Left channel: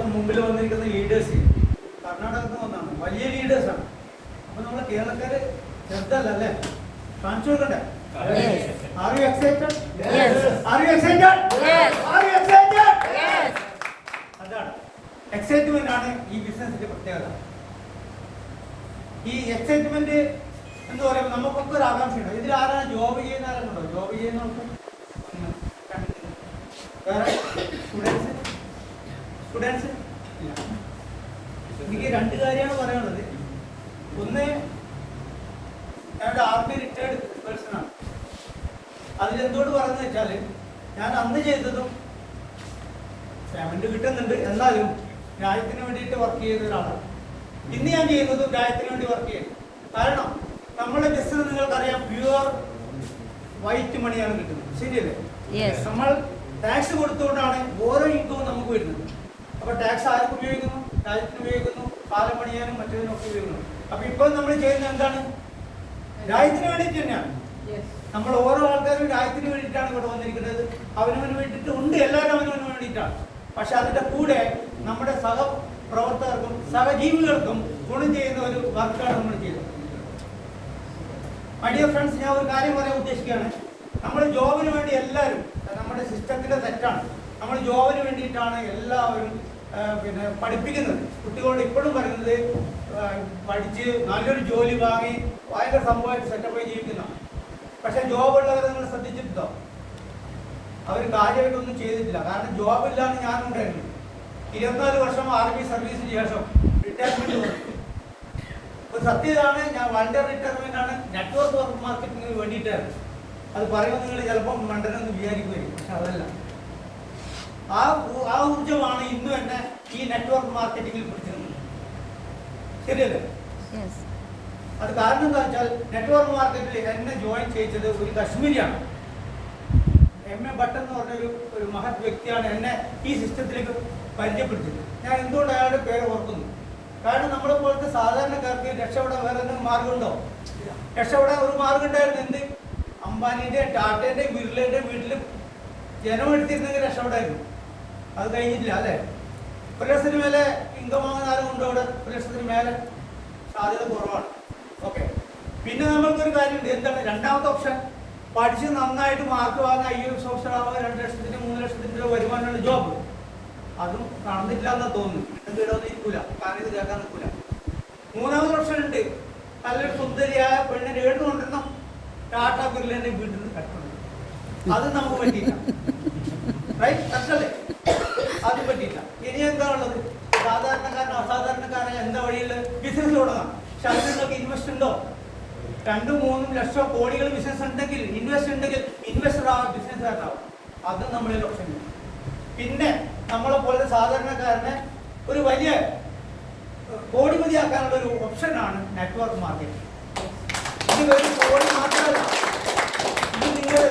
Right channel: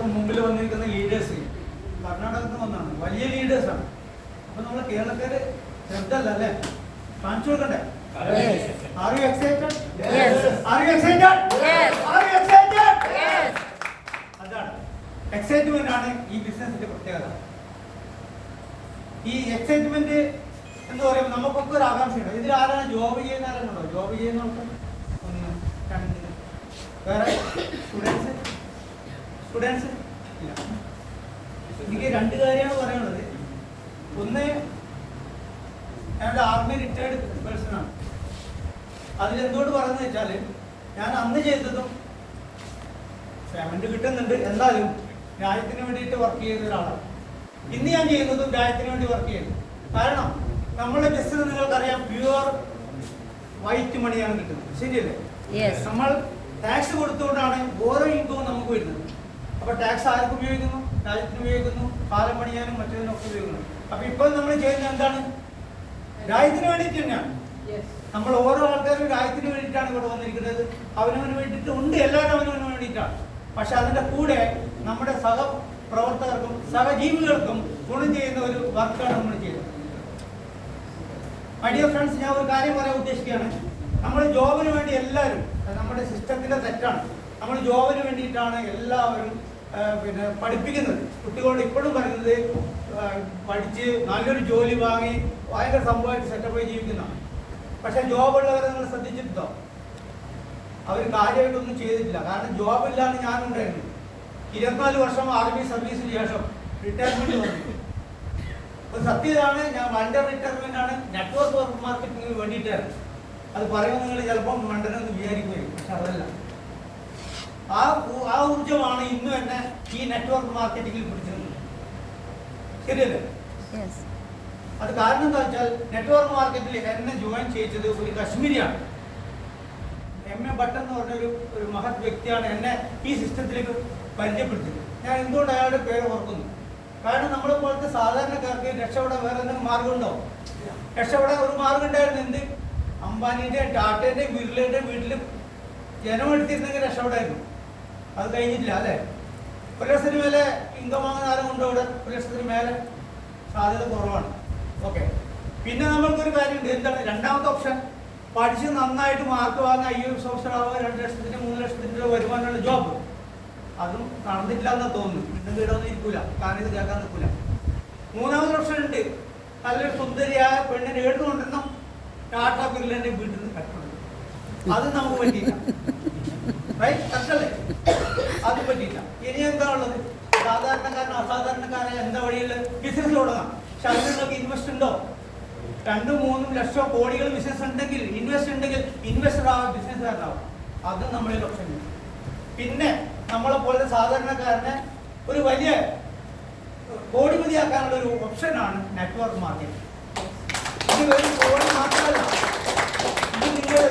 നമ്മളിപ്പോൾ മുമ്പിൽ വന്നിരിക്കുന്ന ലീഡേഴ്സ് കർണാടകത്തിൽ നിന്ന് വന്നാണ്, വലിയ ലീഡേഴ്സാണ്. അപ്പൊ നമ്മളെ കേരളക്കാര് ശ്രദ്ധല്ല അല്ലേ, കാണിച്ചു കൊടുക്കണ്ടേ? Are you excited? Yes. Are you excited? Yes. Are you excited? Yes. അതാണ് എക്സൈറ്റ്മെന്റ് ആണ് ഈ ബിസിനസിന്റെ പ്രത്യേകത. ഈ എക്സൈറ്റ്മെന്റ് എന്ന് പറയുമ്പോൾ നമുക്കൊക്കെ ഒരു ആകാംക്ഷയുണ്ട്. ഇതിൽ ആരാണ് ജോബ് ചെയ്യുന്ന ആരാണോ? ജോബ് ചെയ്യുന്നവർക്ക് വേറെ സ്റ്റുഡൻസ് ഇല്ല. എനിക്ക് രണ്ട് കാര്യമാണ് പറയാനുള്ളത്. ഒന്ന്, എൻ്റെ ആർമി റിട്ടയർഡ് പേഴ്സൺ ആണ്. അതിലെന്തോട് പറഞ്ഞു വെച്ചാൽ ഞാൻ അന്ന് ചെയ്തതും പേയ്മെന്റ് കിട്ടുന്നുണ്ട്, എന്നാലും രാജ്യത്തിന് വേണ്ടിയിട്ട് വർക്ക് ചെയ്യുന്ന ഒരാളാണ്. ഇന്ന് ഞാൻ ചെയ്യുന്നതും രാജ്യത്തിന് വേണ്ടി വർക്ക് ചെയ്യുന്നു. കാരണം നമ്മുടെ ബിസിനസ് നിങ്ങൾക്കറിയാം, പ്യുവർ വൈറ്റ് മണിയാണ് കിട്ടുന്നത്, ശരിയല്ലേ? നമ്മൾ ടാക്സ് കൊടുത്തുകൊണ്ടാണ് ഓരോ ഇൻകവും നമുക്ക് വരുന്നത്. അപ്പൊ ടാക്സ് ആർക്ക് ഉപയോഗിക്കുന്നു? രാജ്യത്തിന് ഉപയോഗിക്കുന്നു, കാലം പണിയാനും മറ്റേതിനൊക്കെ ഉപയോഗിക്കുന്നു. അപ്പൊ ഇപ്പോൾ നമ്മൾ ചെയ്യുന്നത് എന്താണ്? രാജ്യത്തിന് വേണ്ടിയിട്ട് തന്നെയാണ്. നമ്മൾ ഓരോ ആൾക്കാരും രാജ്യത്തിന് വേണ്ടിയിട്ടാണ് ഇവിടെ വന്നിരിക്കുന്നത്. അവനവന് വേണ്ടിയിട്ട് ഉണ്ട്, എല്ലാവരും അവനവന് വേണ്ടിയിട്ടാണ്. പക്ഷെ അതിന്റെ കൂടെ നമ്മുടെ സഹപ്രവർത്തകർക്കും സഹജീവികൾക്കും ഗുണം ചെയ്യുന്ന ഒരു വർക്കാണ് നമ്മൾ ചെയ്യുന്നത്. മൈ ഡിയർ ഫ്രണ്ട്സ്, ഞാൻ ഒരു കാര്യം പറയാൻ ഉദ്ദേശിക്കുകയാണ്. നമ്മൾ ജോബിന് വേണ്ടി എല്ലാവരും, നമ്മുടെ സിസ്റ്റത്തിന്റെ തെറ്റാണ്, നമ്മൾ ജോബിന് വേണ്ടിയിട്ടാണ് എല്ലാവരും പഠിപ്പിക്കുന്നത്. കുട്ടികളോട് ഇപ്പോഴും പറയുന്നത് പഠിച്ച് നല്ലൊരു ജോലി വാങ്ങി ഭയങ്കര സംഭവമായിട്ട് സെറ്റപ്പായി ജീവിക്കുന്നതാണ്. പക്ഷെ ജോബ് ഉള്ളവരെ നിങ്ങൾ ശ്രദ്ധിച്ചിട്ടുണ്ടോ? അവർ കാര്യമായിട്ടൊന്നും ചെയ്തിട്ടില്ല. കാരണം ജോബ് ഇല്ലാന്ന് ഞാനുണ്ടായിരുന്നു. 24 വർഷം ആർമി സർവീസിന് ശേഷം റിട്ടയർമെന്റ് വന്നു. ഒരു സത്യതാണ്, ഞാൻ വണ്ടർ റിട്ടയർമെന്റ് ആണ് നെറ്റ്വർക്ക് മാർക്കറ്റിംഗിന് വേണ്ടിയിട്ടായിരുന്നു. അത് പറയുമ്പോൾ നിങ്ങൾ ചിലപ്പം മണ്ടനെന്ന് വിചാരിക്കുകയും, പക്ഷെ അതല്ല. ആ ഊർജമാണ് ഇന്നും എന്നെ ഈ നെറ്റ്വർക്ക് മാർക്കറ്റിംഗിൽ പിടിച്ചിരുന്നത്, ശരിയല്ലേ? അത് കാരണം എന്താ വെച്ചാൽ നെറ്റ്വർക്ക് മാർക്കറ്റിൽ എന്നെ ജോയിൻ ചെയ്തത് ഒരു കശ്മീരിയാണ്. MA ഭട്ട് എന്ന് പറഞ്ഞൊരു മഹത് വ്യക്തിയാണ് എന്നെ ഈ സിസ്റ്റത്തിലേക്ക് പരിചയപ്പെടുത്തിയത്. ഞാൻ എന്തുകൊണ്ട് അയാളുടെ പേര് ഓർക്കുന്നു? കാരണം നമ്മളെ പോലത്തെ സാധാരണക്കാർക്ക് രക്ഷപ്പെടാൻ വേറെ എന്തെങ്കിലും മാർഗമുണ്ടോ? രക്ഷപ്പെടാൻ ഒരു മാർഗം ഉണ്ടായിരുന്നു. എന്ത്? അംബാനിന്റെ, ടാറ്റയുടെ, ബിർളയുടെ വീട്ടിൽ ജനമെടുത്തിരുന്നെങ്കിൽ രക്ഷപ്പെടായിരുന്നു. അത് കഴിഞ്ഞിട്ടില്ല അല്ലേ? 1 ലക്ഷത്തിന് മേലെ ഇൻകം ആകുന്ന ആരും കൊണ്ടോ? ഇവിടെ 1 ലക്ഷത്തിന് മേലെ സാധ്യത കുറവാണ്. ഓക്കെ, പിന്നെ നമ്മൾക്കൊരു കാര്യമുണ്ട്. എന്താണ് രണ്ടാമത്തെ ഓപ്ഷൻ? പഠിച്ച് നന്നായിട്ട് മാർക്ക് വാങ്ങുക, IAS ഓഫീസർ ആവുക, 2 ലക്ഷത്തിന് 3 ലക്ഷത്തിന്റെ വരുമാനമുള്ള ജോബ്. അതും നടന്നിട്ടില്ല എന്ന് തോന്നുന്നു. എന്തെങ്കിലും ഇരിക്കൂല, കാരണം ഇത് കേൾക്കാൻ നിൽക്കൂല. മൂന്നാമത്തെ ഓപ്ഷൻ ഉണ്ട്. നല്ലൊരു സുന്ദരിയായ പെണ്ണിനെ എഴുതുകൊണ്ടിരുന്നു ടാറ്റ ബിർളന്റെ വീട്ടിൽ നിന്ന് കട്ടുന്നത്. അത് നമുക്ക് പറ്റിയില്ല, റൈറ്റ്? കട്ടല്ലേ? അത് പറ്റിയില്ല. ഇനി എന്താ ഉള്ളത്? സാധാരണക്കാരൻ അസാധാരണക്കാരൻ എന്താ വഴിയിൽ ബിസിനസ് തുടങ്ങാം. പക്ഷെ അത് നിങ്ങൾക്ക് ഇൻവെസ്റ്റ് ഉണ്ടോ? 2-3 ലക്ഷം കോടികൾ ബിസിനസ് ഉണ്ടെങ്കിൽ, ഇൻവെസ്റ്റ് ഉണ്ടെങ്കിൽ ഇൻവെസ്റ്റർ ആവാം, ബിസിനസ്സുകാരാവും. അതും നമ്മളെ ഓപ്ഷൻ. പിന്നെ നമ്മളെ പോലെ സാധാരണക്കാരനെ ഒരു വലിയ കോടിപതിയാക്കാനുള്ള ഒരു ഓപ്ഷനാണ് നെറ്റ്വർക്ക് മാർക്കറ്റിംഗ്. ഇത് ഒരു കോടി മാത്രമല്ല.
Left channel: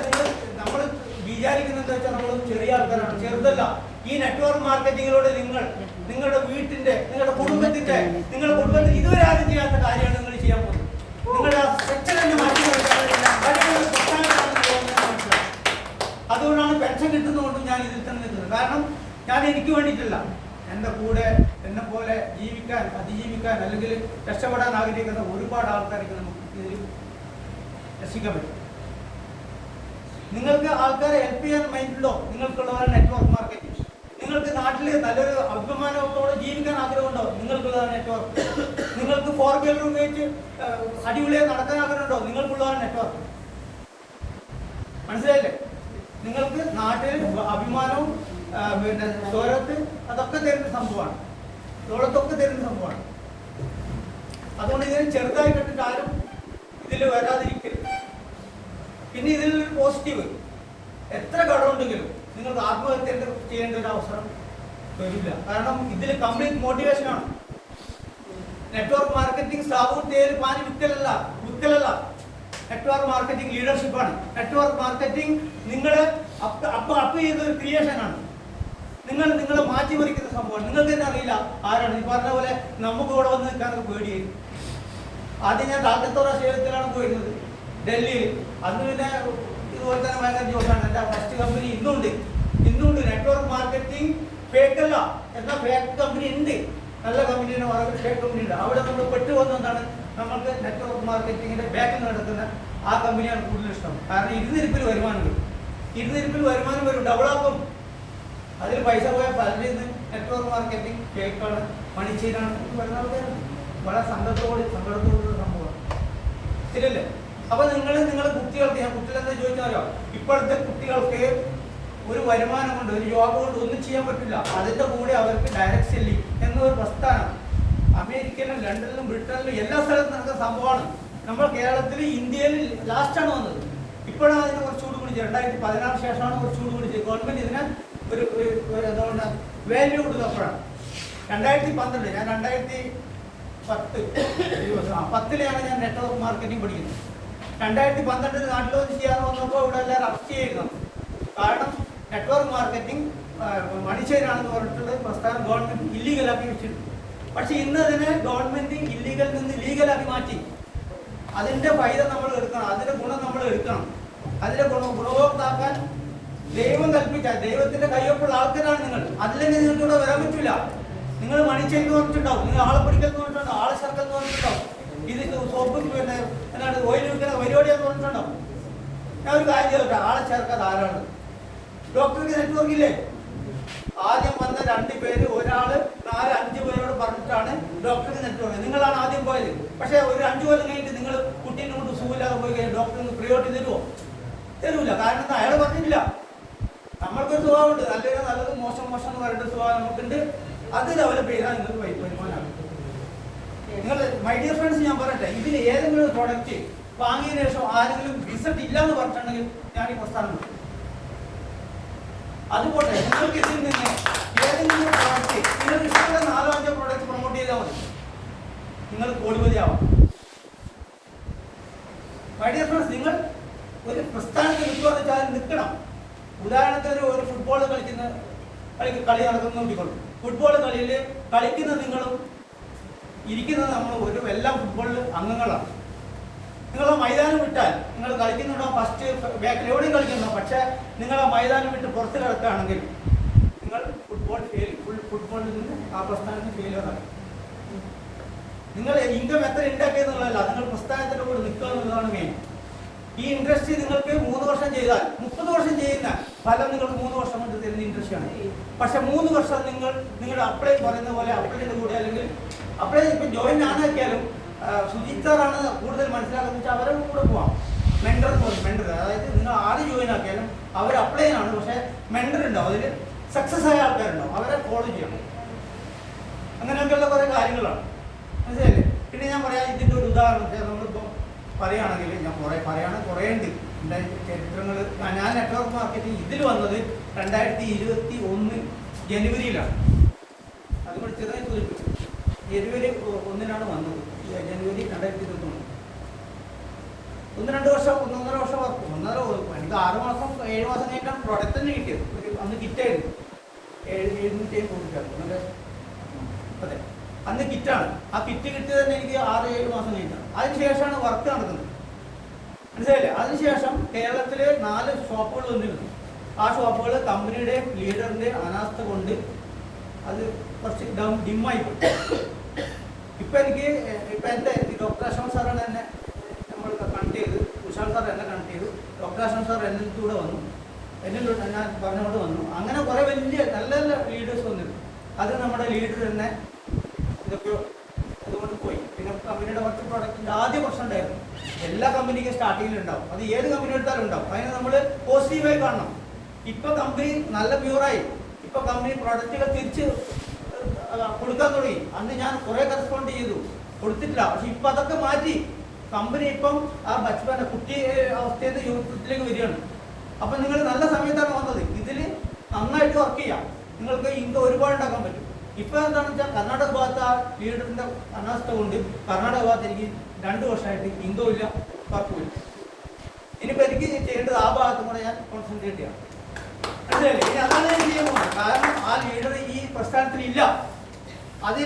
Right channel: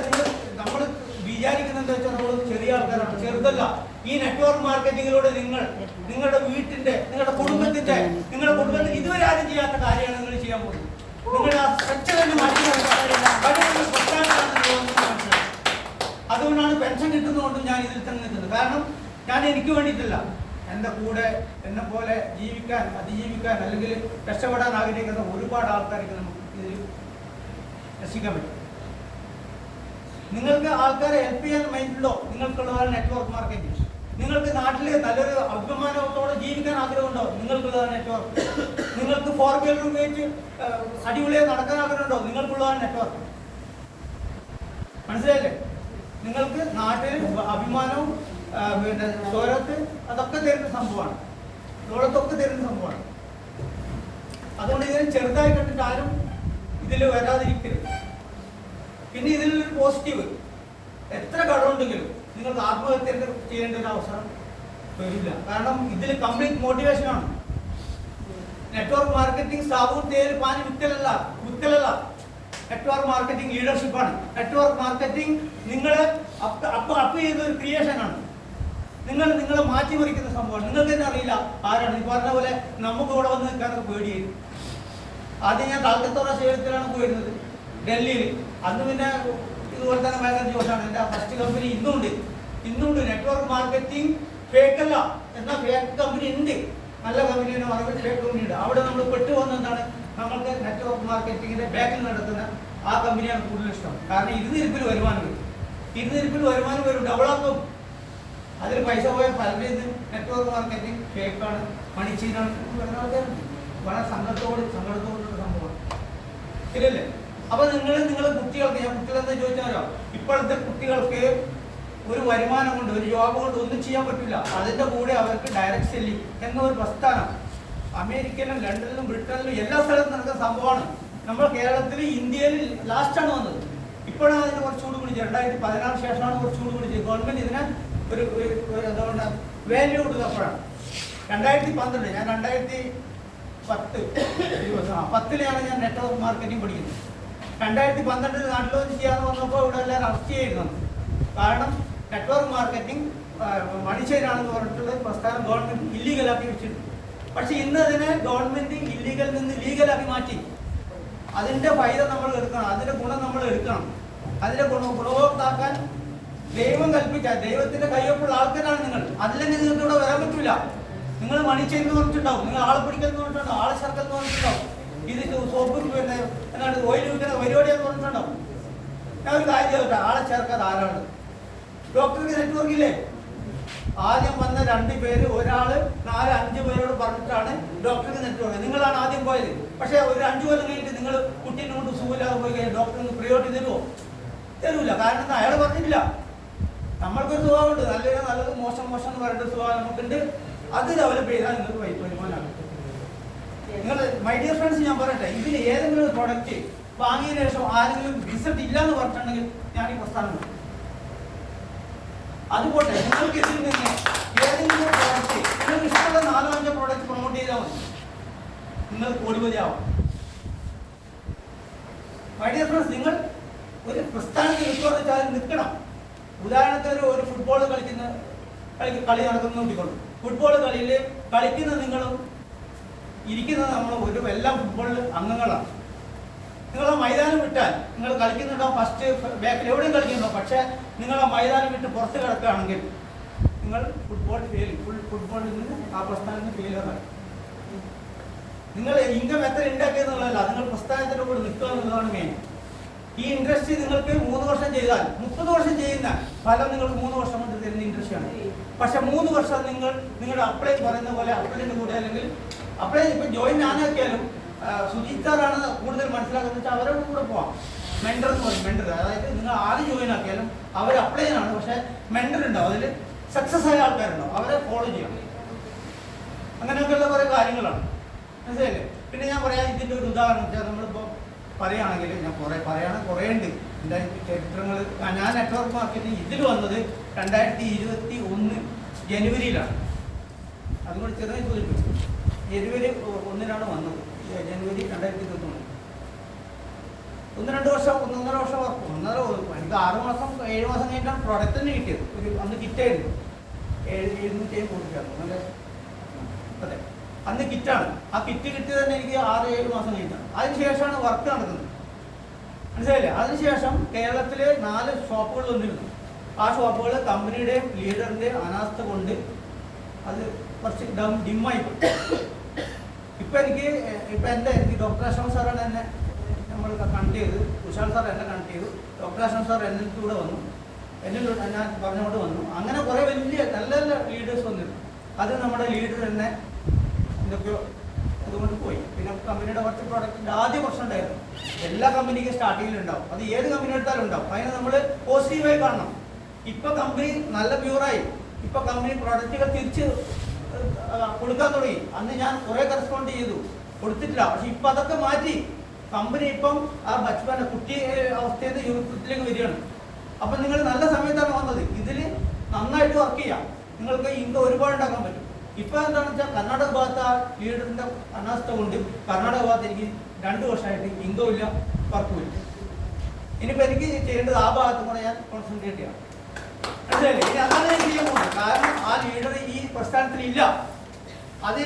ഇത് നമ്മൾ വിചാരിക്കുന്നത് വെച്ചാൽ നമ്മൾ ചെറിയ ആൾക്കാരാണ്, ചെറുതല്ല. ഈ നെറ്റ്വർക്ക് മാർക്കറ്റിങ്ങിലൂടെ നിങ്ങളുടെ വീട്ടിന്റെ, നിങ്ങളുടെ കുടുംബത്തിന്റെ ഇതുവരെ ആരും ചെയ്യാത്ത കാര്യമാണ് നിങ്ങൾ ചെയ്യാൻ പോകുന്നത്. നിങ്ങളുടെ സെക്ഷനെ മാറ്റി അതുകൊണ്ടാണ് പെൻഷൻ കിട്ടുന്നതുകൊണ്ടും ഞാൻ ഇതിൽ തന്നെ നിൽക്കുന്നത്. കാരണം ഞാൻ എനിക്ക് വേണ്ടിയിട്ടില്ല, എൻ്റെ കൂടെ എന്നെ പോലെ ജീവിക്കാൻ, അതിജീവിക്കാൻ അല്ലെങ്കിൽ രക്ഷപ്പെടാൻ ആഗ്രഹിക്കുന്ന ഒരുപാട് ആൾക്കാർക്ക് നമുക്ക് ഇതിൽ രക്ഷിക്കാൻ പറ്റും. നിങ്ങൾക്ക് ആൾക്കാരെ ഹെൽപ്പ് ചെയ്യാൻ മൈൻഡുണ്ടോ? നിങ്ങൾക്കുള്ളതാണ് നെറ്റ്വർക്ക് മാർക്കറ്റിംഗ്. നിങ്ങൾക്ക് നാട്ടിൽ നല്ലൊരു അഭിമാനത്തോടെ ജീവിക്കാൻ ആഗ്രഹമുണ്ടോ? നിങ്ങൾക്കുള്ളതാണ് നെറ്റ്വർക്ക്. നിങ്ങൾക്ക് 4 വീലർ ഉപയോഗിച്ച് അടിപൊളിയായി നടക്കാൻ ആഗ്രഹമുണ്ടോ? നിങ്ങൾക്കുള്ളതാണ് നെറ്റ്വർക്ക്. മനസ്സിലായില്ലേ? നിങ്ങൾക്ക് നാട്ടിൽ അഭിമാനവും പിന്നെ സ്വരത്ത് അതൊക്കെ തരുന്ന സംഭവമാണ്, ലോകത്തൊക്കെ തരുന്ന സംഭവമാണ്. അതുകൊണ്ട് ഇതിന് ചെറുതായി കണ്ടിട്ട് ആരും ഇതിൽ വരാതിരിക്കരുത്. പിന്നെ ഇതിൽ പോസിറ്റീവ്, എത്ര കടമുണ്ടെങ്കിലും നിങ്ങൾക്ക് ആത്മഹത്യ ചെയ്യേണ്ട ഒരു അവസരം വരില്ല. കാരണം ഇതിൽ കംപ്ലീറ്റ് മോട്ടിവേഷനാണ്. നെറ്റ്വർക്ക് മാർക്കറ്റിംഗ് സാബൂൻ തേൽ പാനി വിത്തലല്ല. നെറ്റ്വർക്ക് മാർക്കറ്റിംഗ് ലീഡർഷിപ്പാണ്. നെറ്റ്വർക്ക് മാർക്കറ്റിംഗ് നിങ്ങളെ അപ്പ് ചെയ്ത ഒരു ക്രിയേഷനാണ്. നിങ്ങളെ മാറ്റിമറിക്കുന്ന സംഭവമാണ്. നിങ്ങൾക്ക് തന്നെ അറിയില്ല ആരാണ്. ഈ പറഞ്ഞ പോലെ നമുക്ക് ഇവിടെ വന്ന് നിൽക്കാനൊക്കെ പേടിയായിരുന്നു. ആദ്യം ഞാൻ താൽക്കത്തോറ ക്ഷേത്രത്തിലാണ് പോയിരുന്നത്, ഡൽഹിയിൽ. അന്ന് പിന്നെ ഇതുപോലെ തന്നെ ഭയങ്കര ജോസാണ്. എൻ്റെ ഫസ്റ്റ് കമ്പനി ഇന്നുണ്ട്. നെറ്റ്വർക്ക് മാർക്കറ്റിംഗ് ഫേക്കല്ല, എന്നാൽ ഫേക്ക് കമ്പനി ഉണ്ട്, നല്ല കമ്പനിയുടെ മറവിൽ ഫേക്ക് കമ്പനി ഉണ്ട്. അവിടെ നമ്മൾ പെട്ടുവന്നെന്താണ്, നമ്മൾക്ക് നെറ്റ്വർക്ക് മാർക്കറ്റിങ്ങിന്റെ ബാക്കിൽ നടത്തുന്ന ആ കമ്പനിയാണ് കൂടുതൽ ഇഷ്ടം. കാരണം ഇരുന്നിരിപ്പിൽ വരുമാനം വരും, ഇരുന്നിരിപ്പിൽ വരുമാനം വരും, ഡെവലപ്പും. അതിൽ പൈസ പോയ പലരിൽ നെറ്റ്വർക്ക് മാർക്കറ്റിംഗ് ഫേക്കാണ്, മണിച്ചീനാണ് വരുന്ന ആൾക്കാരും വളരെ സങ്കടത്തോടുള്ള സംഭവമാണ്, ശരിയല്ലേ? അപ്പൊ നിങ്ങളുടെ കുട്ടികൾക്ക്, ഞാൻ കുട്ടികളെന്താ ചോദിച്ചാലോ, ഇപ്പോഴത്തെ കുട്ടികൾക്ക് ഒരു വരുമാനം കൊണ്ട്, ഒരു ജോബ് കൊണ്ട് ഒന്നും ചെയ്യാൻ പറ്റില്ല. അതിന്റെ കൂടെ അവർക്ക് ഡയറക്റ്റ് സെല്ലിംഗ് എന്നൊരു പ്രസ്ഥാനം അമേരിക്കയിലും ലണ്ടനിലും ബ്രിട്ടനിലും എല്ലാ സ്ഥലത്തും നടക്കുന്ന സംഭവമാണ്. നമ്മൾ കേരളത്തിൽ ഇന്ത്യയിൽ ലാസ്റ്റാണ് വന്നത്. ഇപ്പോഴാണ് അതിനെ കുറച്ചുകൂടി വിളിച്ചത്, 2016 ശേഷമാണ് കുറച്ചുകൂടി വിളിച്ചത്. ഗവൺമെന്റ് ഇതിനെ ഒരു എന്തുകൊണ്ട് വാല്യൂ കൊടുത്തപ്പോഴാണ്. 2012 ഞാൻ 2010 ഞാൻ നെറ്റ്വർക്ക് മാർക്കറ്റിംഗ് പഠിക്കുന്നത്. 2012 നാട്ടിൽ വന്ന് ചെയ്യാന്ന് വന്നപ്പോൾ ഇവിടെ എല്ലാവരും അറസ്റ്റ് ചെയ്യുന്നു. കാരണം നെറ്റ്വർക്ക് മാർക്കറ്റിംഗ് മണിച്ചേരാണെന്ന് പറഞ്ഞിട്ടുള്ള പ്രസ്ഥാനം ഗവൺമെന്റ് ഇല്ലീഗലാക്കി വെച്ചിട്ടുണ്ട്. പക്ഷെ ഇന്ന് അതിനെ ഗവൺമെന്റ് ഇല്ലീഗലിൽ നിന്ന് ലീഗലാക്കി മാറ്റി. അതിന്റെ ഫൈദ നമ്മൾ എടുക്കണം, അതിന്റെ ഗുണം നമ്മൾ എടുക്കണം. അതിന്റെ ഗുണഭോക്താക്കാൻ ദൈവം കൽപ്പിച്ച, ദൈവത്തിന്റെ കയ്യൊപ്പുള്ള ആൾക്കാരാണ് നിങ്ങൾ. അതില്ലെങ്കിൽ നിങ്ങൾക്ക് ഇവിടെ വരാൻ പറ്റില്ല. നിങ്ങൾ മണിച്ചെന്ന് പറഞ്ഞിട്ടുണ്ടാവും, നിങ്ങൾ ആളെ പിടിക്കുന്ന പറഞ്ഞിട്ടുണ്ടാവും, ആളെ ചേർക്കെന്ന് പറഞ്ഞിട്ടുണ്ടാവും, ഇത് സോപ്പ് പിന്നെ എന്നാണ് ഓയിൽ വിൽക്കുന്ന പരിപാടിയൊക്കെ പറഞ്ഞിട്ടുണ്ടാവും. ഞാൻ ഒരു കാര്യം ചോദിച്ചാ, ആളെ ചേർക്കാതെ ആരാണ്? ഡോക്ടർക്ക് നെറ്റ്വർക്കില്ലേ? ആദ്യം വന്ന 2 പേര്, ഒരാള് 4-5 പേരോട് പറഞ്ഞിട്ടാണ് ഡോക്ടർക്ക് നെറ്റ്വർക്ക്. നിങ്ങളാണ് ആദ്യം പോയത്. പക്ഷെ ഒരു 5 കൊല്ലം കഴിഞ്ഞിട്ട് നിങ്ങൾ കുട്ടീനെ കൊണ്ട് സുഖമില്ലാകുമ്പോൾ ഡോക്ടറിന് പ്രിയോറിറ്റി തരുമോ? തരൂല. കാരണം അയാൾ പറഞ്ഞിട്ടില്ല. നമ്മൾക്കൊരു സ്വഭാവമുണ്ട്, നല്ലത് മോശം എന്ന് പറയുന്ന സ്വഭാവം നമുക്കുണ്ട്. അത് ഡെവലപ്പ് ചെയ്താൽ നിങ്ങൾക്ക് വരുമാനമാകും. നിങ്ങൾ മൈ ഡിയർ ഫ്രണ്ട്സ്, ഞാൻ പറയട്ടെ, ഇതിൽ ഏതെങ്കിലും ഒരു പ്രോഡക്റ്റ് വാങ്ങിയതിനു ശേഷം ആരെങ്കിലും റിസൾട്ട് ഇല്ല എന്ന് പറഞ്ഞിട്ടുണ്ടെങ്കിൽ ഞാൻ ഈ പ്രസ്ഥാനം അതുപോലെ നിങ്ങൾക്ക് ഇതിൽ നിന്ന് ഏതെങ്കിലും പ്രോഡക്റ്റ്, നിങ്ങൾ ഇഷ്ടമുള്ള 4-5 പ്രോഡക്റ്റ് പ്രൊമോട്ട് ചെയ്താൽ മതി, നിങ്ങൾ കോടിപതിയാവും. മൈ ഡിയർ ഫ്രണ്ട്സ്, നിങ്ങൾ ഒരു പ്രസ്ഥാനത്തിൽ നിൽക്കണം. ഉദാഹരണത്തിന് ഒരു ഫുട്ബോൾ കളി നടക്കുന്നു നോക്കിക്കോളൂ. ഫുട്ബോൾ കളിയിൽ കളിക്കുന്നത് നിങ്ങളും ഇരിക്കുന്നത് നമ്മളും എല്ലാം ഫുട്ബോളിൽ അംഗങ്ങളാണ്. നിങ്ങൾ മൈതാനം വിട്ടാൽ നിങ്ങൾ കളിക്കുന്നുണ്ടോ, ഫസ്റ്റ് ബാക്കിൽ എവിടെയും കളിക്കുന്നുണ്ടോ, പക്ഷെ നിങ്ങൾ ആ മൈതാനം വിട്ട് പുറത്ത് കിടക്കുകയാണെങ്കിൽ നിങ്ങൾ ഫുട്ബോളിൽ നിന്ന് ആ പ്രസ്ഥാനത്തിന് ഫെയിലിയറാണ്. നിങ്ങൾ ഇൻകം എത്ര ഉണ്ടാക്കിയെന്നുള്ളതല്ല, നിങ്ങൾ പ്രസ്ഥാനത്തിന്റെ കൂടെ നിൽക്കണമെന്നുള്ളതാണ് മെയിൻ. ഈ ഇൻഡസ്ട്രി നിങ്ങൾക്ക് 3 വർഷം ചെയ്താൽ 30 വർഷം ചെയ്യുന്ന ഫലം നിങ്ങൾക്ക് 3 വർഷം കൊണ്ട് തരുന്ന ഇൻഡസ്ട്രിയാണ്. പക്ഷെ 3 വർഷം നിങ്ങളുടെ അപ്ലൈ പറയുന്ന പോലെ അപ്ലൈൻ്റെ കൂടെ, അല്ലെങ്കിൽ അപ്ലൈ ഇപ്പം ജോയിൻ ആനാക്കിയാലും സുജിത് സാറാണ് കൂടുതൽ മനസ്സിലാക്കുന്നത് വെച്ചാൽ അവരെ കൂടെ പോവാം. മെൻഡർ അതായത് നിങ്ങൾ ആര് ജോയിൻ ആക്കിയാലും അവർ അപ്ലൈ ആണ്. പക്ഷെ മെൻഡർ ഉണ്ടാവും, അതിൽ സക്സസ് ആയ ആൾക്കാരുണ്ടാവും, അവരെ ഫോളോ ചെയ്യണം. അങ്ങനെയൊക്കെയുള്ള കുറേ കാര്യങ്ങളാണ്, മനസ്സിലായില്ലേ? പിന്നെ ഞാൻ പറയാം, ഇതിൻ്റെ ഒരു ഉദാഹരണം വെച്ചാൽ നമ്മളിപ്പോൾ പറയുകയാണെങ്കിൽ, ഞാൻ കുറേ ഉണ്ട് എൻ്റെ ചരിത്രങ്ങൾ. ഞാൻ നെറ്റ്വർക്ക് മാർക്കറ്റിംഗ് ഇതിൽ വന്നത് 2021 ജനുവരിയിലാണ്. അതുകൊണ്ട് ചെറിയ ജനുവരി 1-നാണ് വന്നത്. ജനുവരി 2021. 1-2 വർഷം, 1.5 വർഷം വർക്ക്. എനിക്ക് 6 മാസം 7 മാസം കഴിഞ്ഞാൽ പ്രൊഡക്റ്റ് തന്നെ കിട്ടിയത്. അന്ന് കിറ്റായിരുന്നു 750 അതെ, അന്ന് കിറ്റാണ്. ആ കിറ്റ് കിട്ടിയത് തന്നെ എനിക്ക് 6-7 മാസം കഴിഞ്ഞാണ്. അതിനുശേഷമാണ് വർക്ക് നടക്കുന്നത്, മനസ്സിലായില്ലേ? അതിനുശേഷം കേരളത്തിലെ 4 ഷോപ്പുകൾ വന്നിരുന്നു. ആ ഷോപ്പുകൾ കമ്പനിയുടെ ലീഡറിന്റെ അനാസ്ഥ കൊണ്ട് അത് കുറച്ച് ഡിമ്മായി പോയി. ഇപ്പൊ എന്റെ ഡോക്ടർ അശോക് സാറാണ് എന്നെ നമ്മൾ കണക്ട് ചെയ്ത്, വിശാൽ സാർ എന്നെ കണക്ട് ചെയ്തു, ഡോക്ടർ അശോക് സാർ എന്നെ കൂടെ വന്നു, എന്നെ ഞാൻ പറഞ്ഞുകൊണ്ട് വന്നു. അങ്ങനെ കുറെ വലിയ നല്ല നല്ല ലീഡേഴ്സ് വന്നിരുന്നു. അത് നമ്മുടെ ലീഡർ തന്നെ ഇതൊക്കെ അതുകൊണ്ട് പോയി. പിന്നെ കമ്പനിയുടെ മറ്റു പ്രോഡക്റ്റിന്റെ ആദ്യ പ്രശ്നം ഉണ്ടായിരുന്നു. എല്ലാ കമ്പനിക്കും സ്റ്റാർട്ടിങ്ങിൽ ഉണ്ടാവും, അത് ഏത് കമ്പനി എടുത്താലും ഉണ്ടാവും. അതിനെ നമ്മൾ പോസിറ്റീവായി കാണണം. ഇപ്പൊ കമ്പനി നല്ല പ്യൂറായി, ഇപ്പൊ കമ്പനി പ്രോഡക്റ്റുകൾ തിരിച്ച് കൊടുക്കാൻ തുടങ്ങി. അന്ന് ഞാൻ കുറെ കറസ്പോണ്ട് ചെയ്തു, കൊടുത്തിട്ടില്ല. പക്ഷെ ഇപ്പൊ അതൊക്കെ മാറ്റി കമ്പനി ഇപ്പം ആ ബച്ച്മാന്റെ കുട്ടി അവസ്ഥയിൽ നിന്ന് യൂത്തിലേക്ക് വരികയാണ്. അപ്പൊ നിങ്ങൾ നല്ല സമയത്താണ് വന്നത്. ഇതിൽ നന്നായിട്ട് വർക്ക് ചെയ്യാം, നിങ്ങൾക്ക് ഇൻകം ഒരുപാട് ഉണ്ടാക്കാൻ പറ്റും. ഇപ്പൊ എന്താണെന്ന് വെച്ചാൽ കർണാടക ഭാഗത്ത് ആ ലീഡറിന്റെ അനാസ്ഥ കൊണ്ട് കർണാടക ഭാഗത്ത് എനിക്ക് 2 വർഷമായിട്ട് ഇൻകം ഇല്ല, വർക്ക് വരും. ഇനിയിപ്പോ എനിക്ക് ചെയ്യേണ്ടത് ആ ഭാഗത്തും കൂടെ ഞാൻ കോൺസെൻട്രേറ്റ് ചെയ്യണം, മനസ്സിലായില്ലേ? ഇനി അതാണ് ഞാൻ ചെയ്യാൻ പോകുന്നത്. കാരണം ആ ലീഡർ ഈ പ്രസ്ഥാനത്തിൽ ഇല്ല. അത്